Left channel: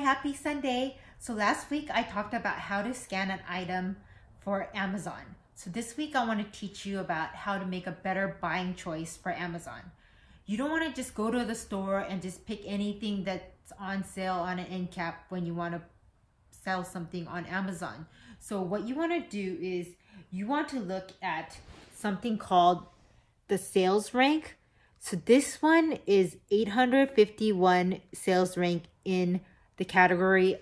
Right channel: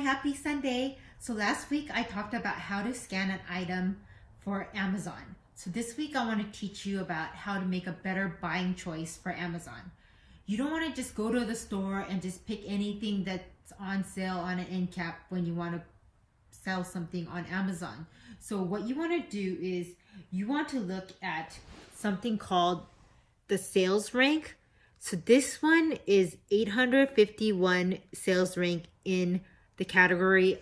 happy Sunday. So last week I talked about how to scan an item for Amazon. So this week I want to teach you about how to make a better buying choice for Amazon. You don't want to just go to the store and just pick anything that's on sale on an end cap when you want to sell something on Amazon. So what you want to do is you want to look at something called the sales rank. So this one is 851 sales rank in the category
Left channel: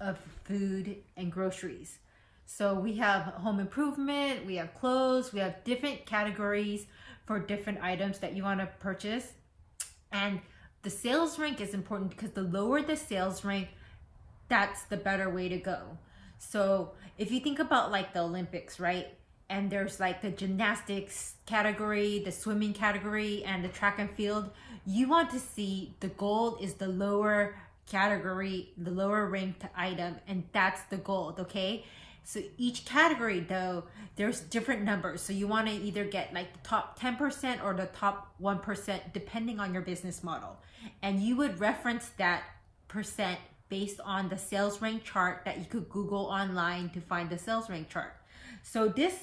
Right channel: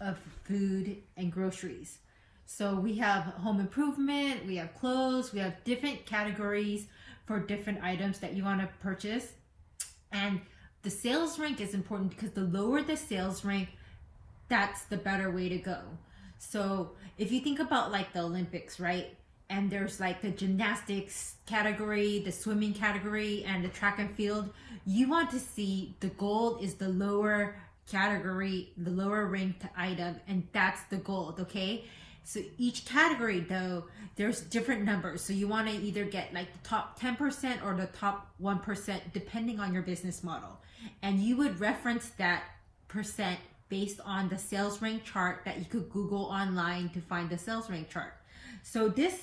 of food and groceries. So we have home improvement, we have clothes, we have different categories for different items that you want to purchase. And the sales rank is important because the lower the sales rank, that's the better way to go. So if you think about like the Olympics, right? And there's like the gymnastics category, the swimming category, and the track and field. You want to see the gold is the lower category, the lower ranked item, and that's the gold, okay? So each category though, there's different numbers. So you want to either get like the top 10% or the top 1% depending on your business model. And you would reference that percent based on the sales rank chart that you could Google online to find the sales rank chart. So this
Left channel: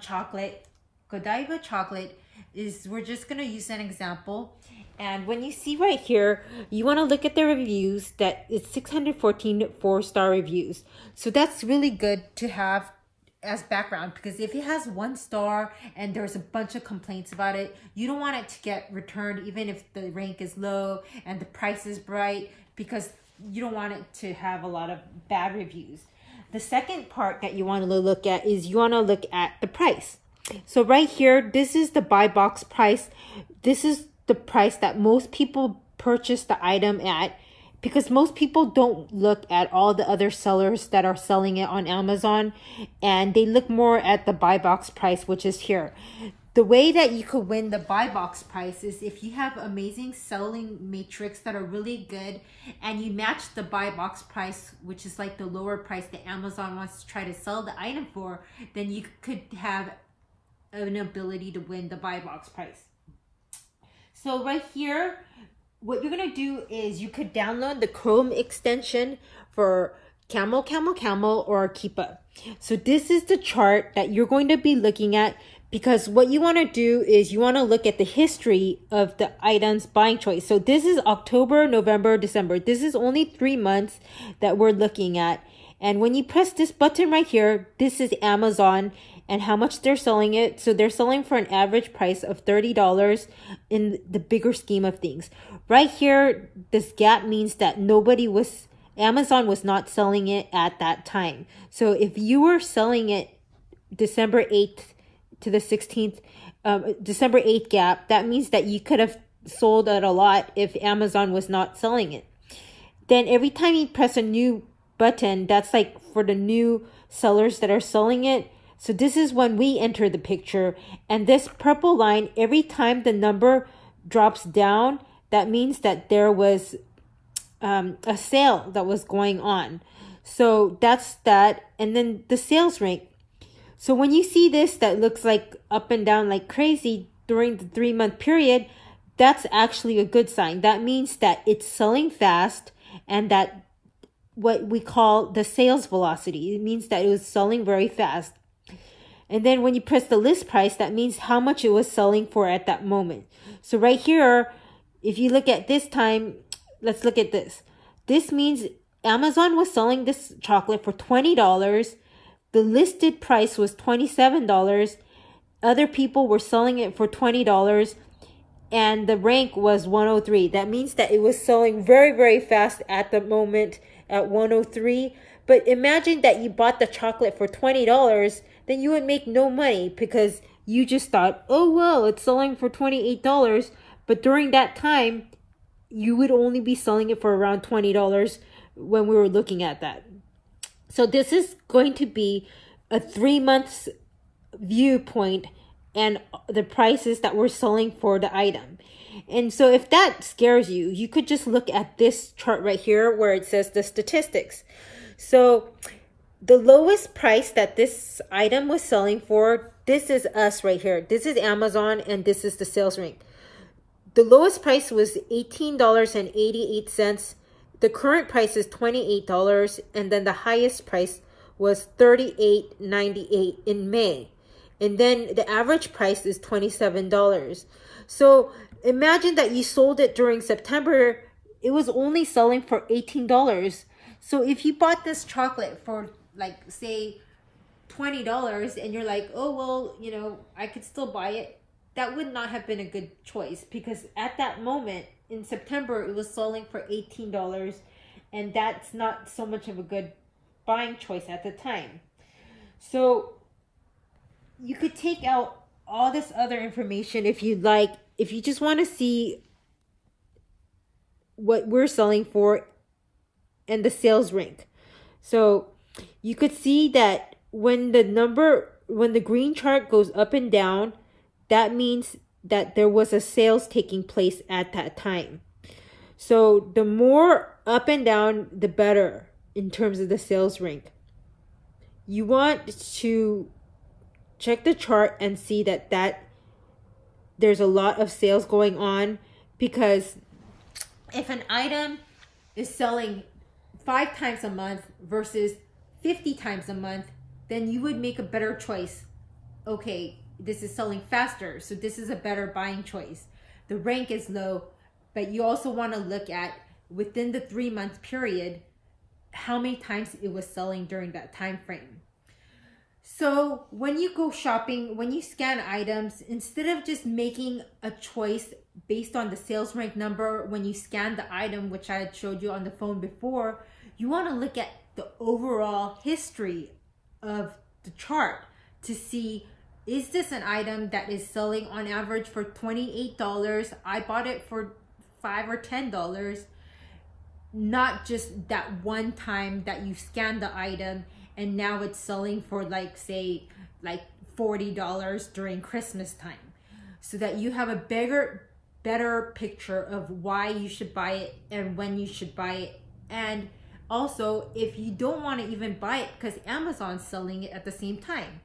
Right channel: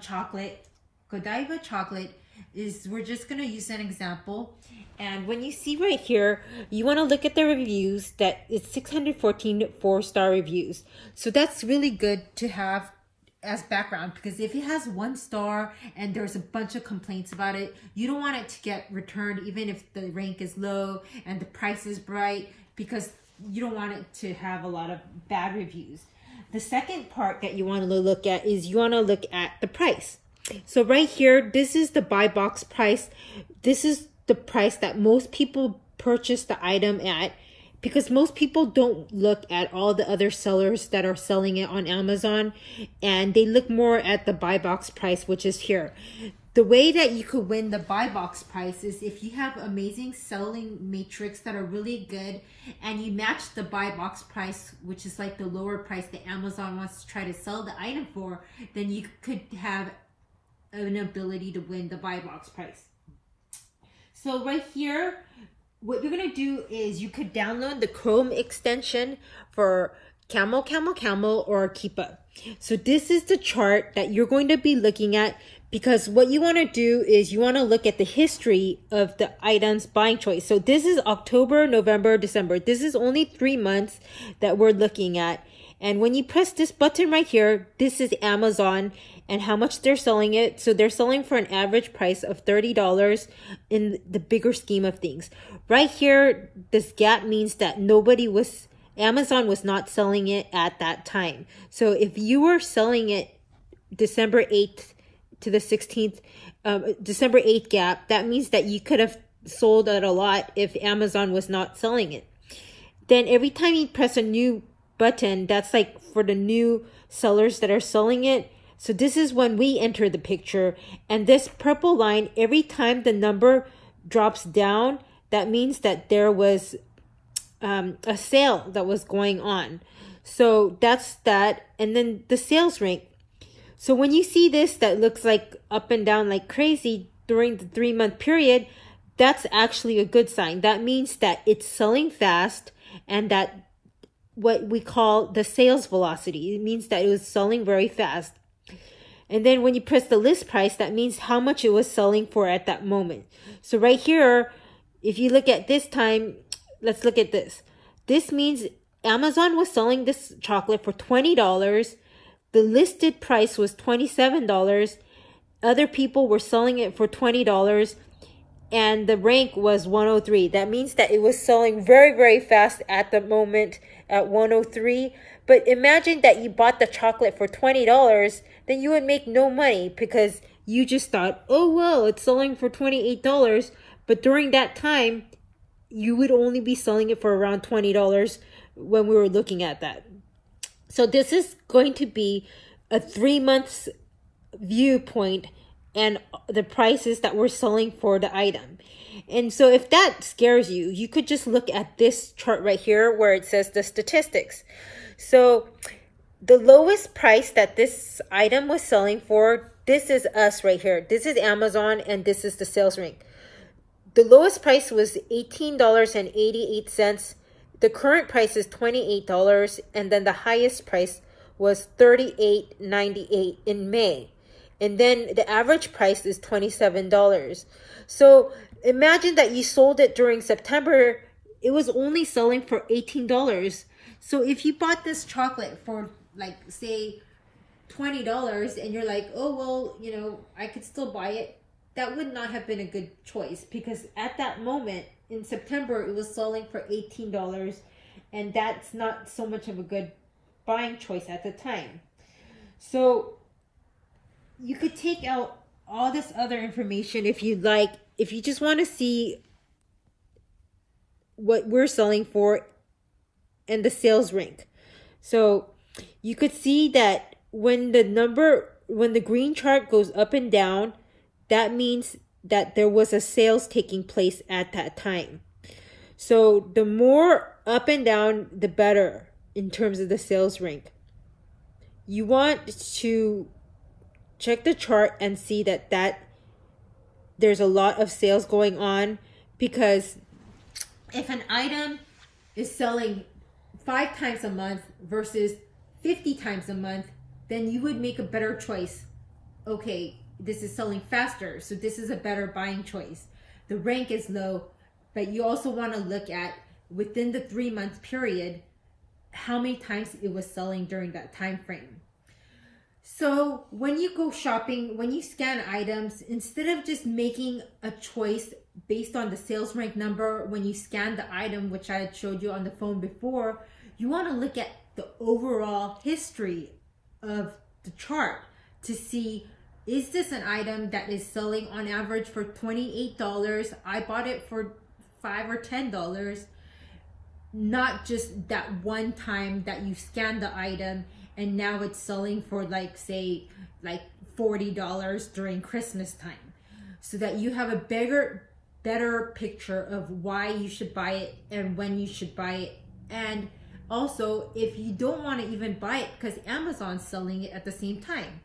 chocolate, Godiva chocolate, we're just going to use an example. And when you see right here, you want to look at the reviews that it's 614 4-star reviews. So that's really good to have as background, because if it has 1 star and there's a bunch of complaints about it, you don't want it to get returned even if the rank is low and the price is bright, because you don't want it to have a lot of bad reviews. The second part that you want to look at is you want to look at the price. So right here, this is the buy box price. This is the price that most people purchase the item at, because most people don't look at all the other sellers that are selling it on Amazon, and they look more at the buy box price, which is here. The way that you could win the buy box price is if you have amazing selling matrix that are really good and you match the buy box price, which is like the lower price that Amazon wants to try to sell the item for, then you could have an ability to win the buy box price. So right here, what you're going to do is you could download the Chrome extension for Camel, Camel, Camel, or Keepa. So this is the chart that you're going to be looking at, because what you want to do is you want to look at the history of the item's buying choice. So this is October, November, December. This is only 3 months that we're looking at. And when you press this button right here, this is Amazon and how much they're selling it. So they're selling for an average price of $30 in the bigger scheme of things. Right here, this gap means that Amazon was not selling it at that time. So if you were selling it December 8th to the 16th, December 8th gap, that means that you could have sold at a lot if Amazon was not selling it. Then every time you press a new button, that's like for the new sellers that are selling it. So this is when we enter the picture, and this purple line, every time the number drops down, that means that there was a sale that was going on. So that's that. And then the sales rank. So when you see this that looks like up and down like crazy during the 3-month period, that's actually a good sign. That means that it's selling fast, and that what we call the sales velocity. It means that it was selling very fast. And then when you press the list price, that means how much it was selling for at that moment. So right here, if you look at this time, let's look at this. This means Amazon was selling this chocolate for $20. The listed price was $27. Other people were selling it for $20. And the rank was 103. That means that it was selling very, very fast at the moment at 103. But imagine that you bought the chocolate for $20. Then you would make no money because you just thought, oh, well, it's selling for $28. But during that time, you would only be selling it for around $20 when we were looking at that. So this is going to be a 3 months viewpoint and the prices that we're selling for the item. And so if that scares you, you could just look at this chart right here where it says the statistics. So the lowest price that this item was selling for, this is us right here. This is Amazon, and this is the sales rank. The lowest price was $18.88. the current price is $28, and then the highest price was $38.98 in May. And then the average price is $27. So imagine that you sold it during September. It was only selling for $18. So if you bought this chocolate for, like, say $20 and you're like, oh, well, you know, I could still buy it, that would not have been a good choice, because at that moment in September, it was selling for $18, and that's not so much of a good buying choice at the time. So you could take out all this other information if you'd like, if you just want to see what we're selling for and the sales rank. So you could see that when the green chart goes up and down, that means that there was a sales taking place at that time. So the more up and down, the better in terms of the sales rank. You want to check the chart and see that there's a lot of sales going on, because if an item is selling 5 times a month versus 50 times a month, then you would make a better choice. Okay, this is selling faster, so this is a better buying choice. The rank is low, but you also want to look at, within the 3-month period, how many times it was selling during that time frame. So when you go shopping, when you scan items, instead of just making a choice based on the sales rank number when you scan the item, which I had showed you on the phone before, you want to look at the overall history of the chart to see, is this an item that is selling on average for $28? I bought it for $5 or $10, not just that one time that you scanned the item and now it's selling for, like, say, like $40 during Christmas time, so that you have a better picture of why you should buy it and when you should buy it. And also, if you don't want to even buy it because Amazon's selling it at the same time.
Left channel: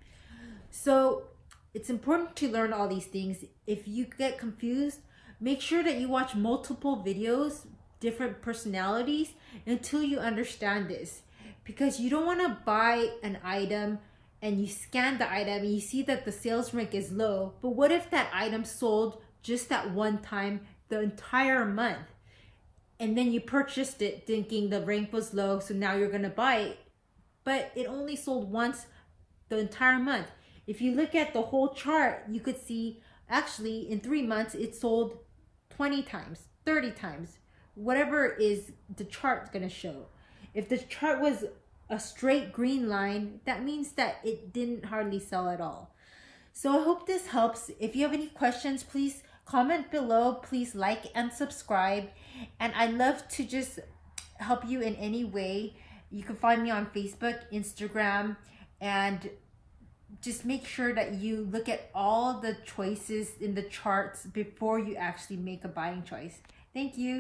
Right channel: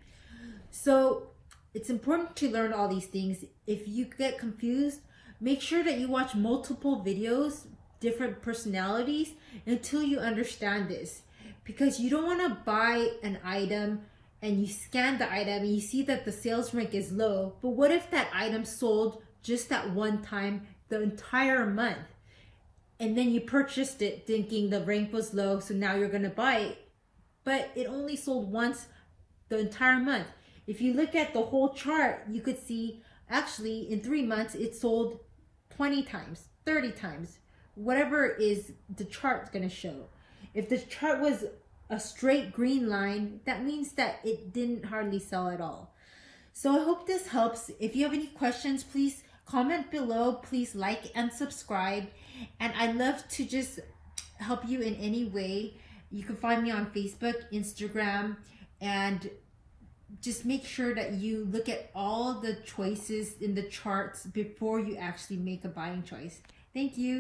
So it's important to learn all these things. If you get confused, make sure that you watch multiple videos, different personalities, until you understand this. Because you don't want to buy an item and you scan the item and you see that the sales rank is low. But what if that item sold just that one time the entire month? And then you purchased it thinking the rank was low, so now you're going to buy it. But it only sold once the entire month. If you look at the whole chart, you could see actually in 3 months it sold 20 times, 30 times, whatever is the chart's going to show. If the chart was a straight green line, that means that it didn't hardly sell at all. So I hope this helps. If you have any questions, please comment below. Please like and subscribe. And I'd love to just help you in any way. You can find me on Facebook, Instagram, and just make sure that you look at all the choices in the charts before you actually make a buying choice. Thank you.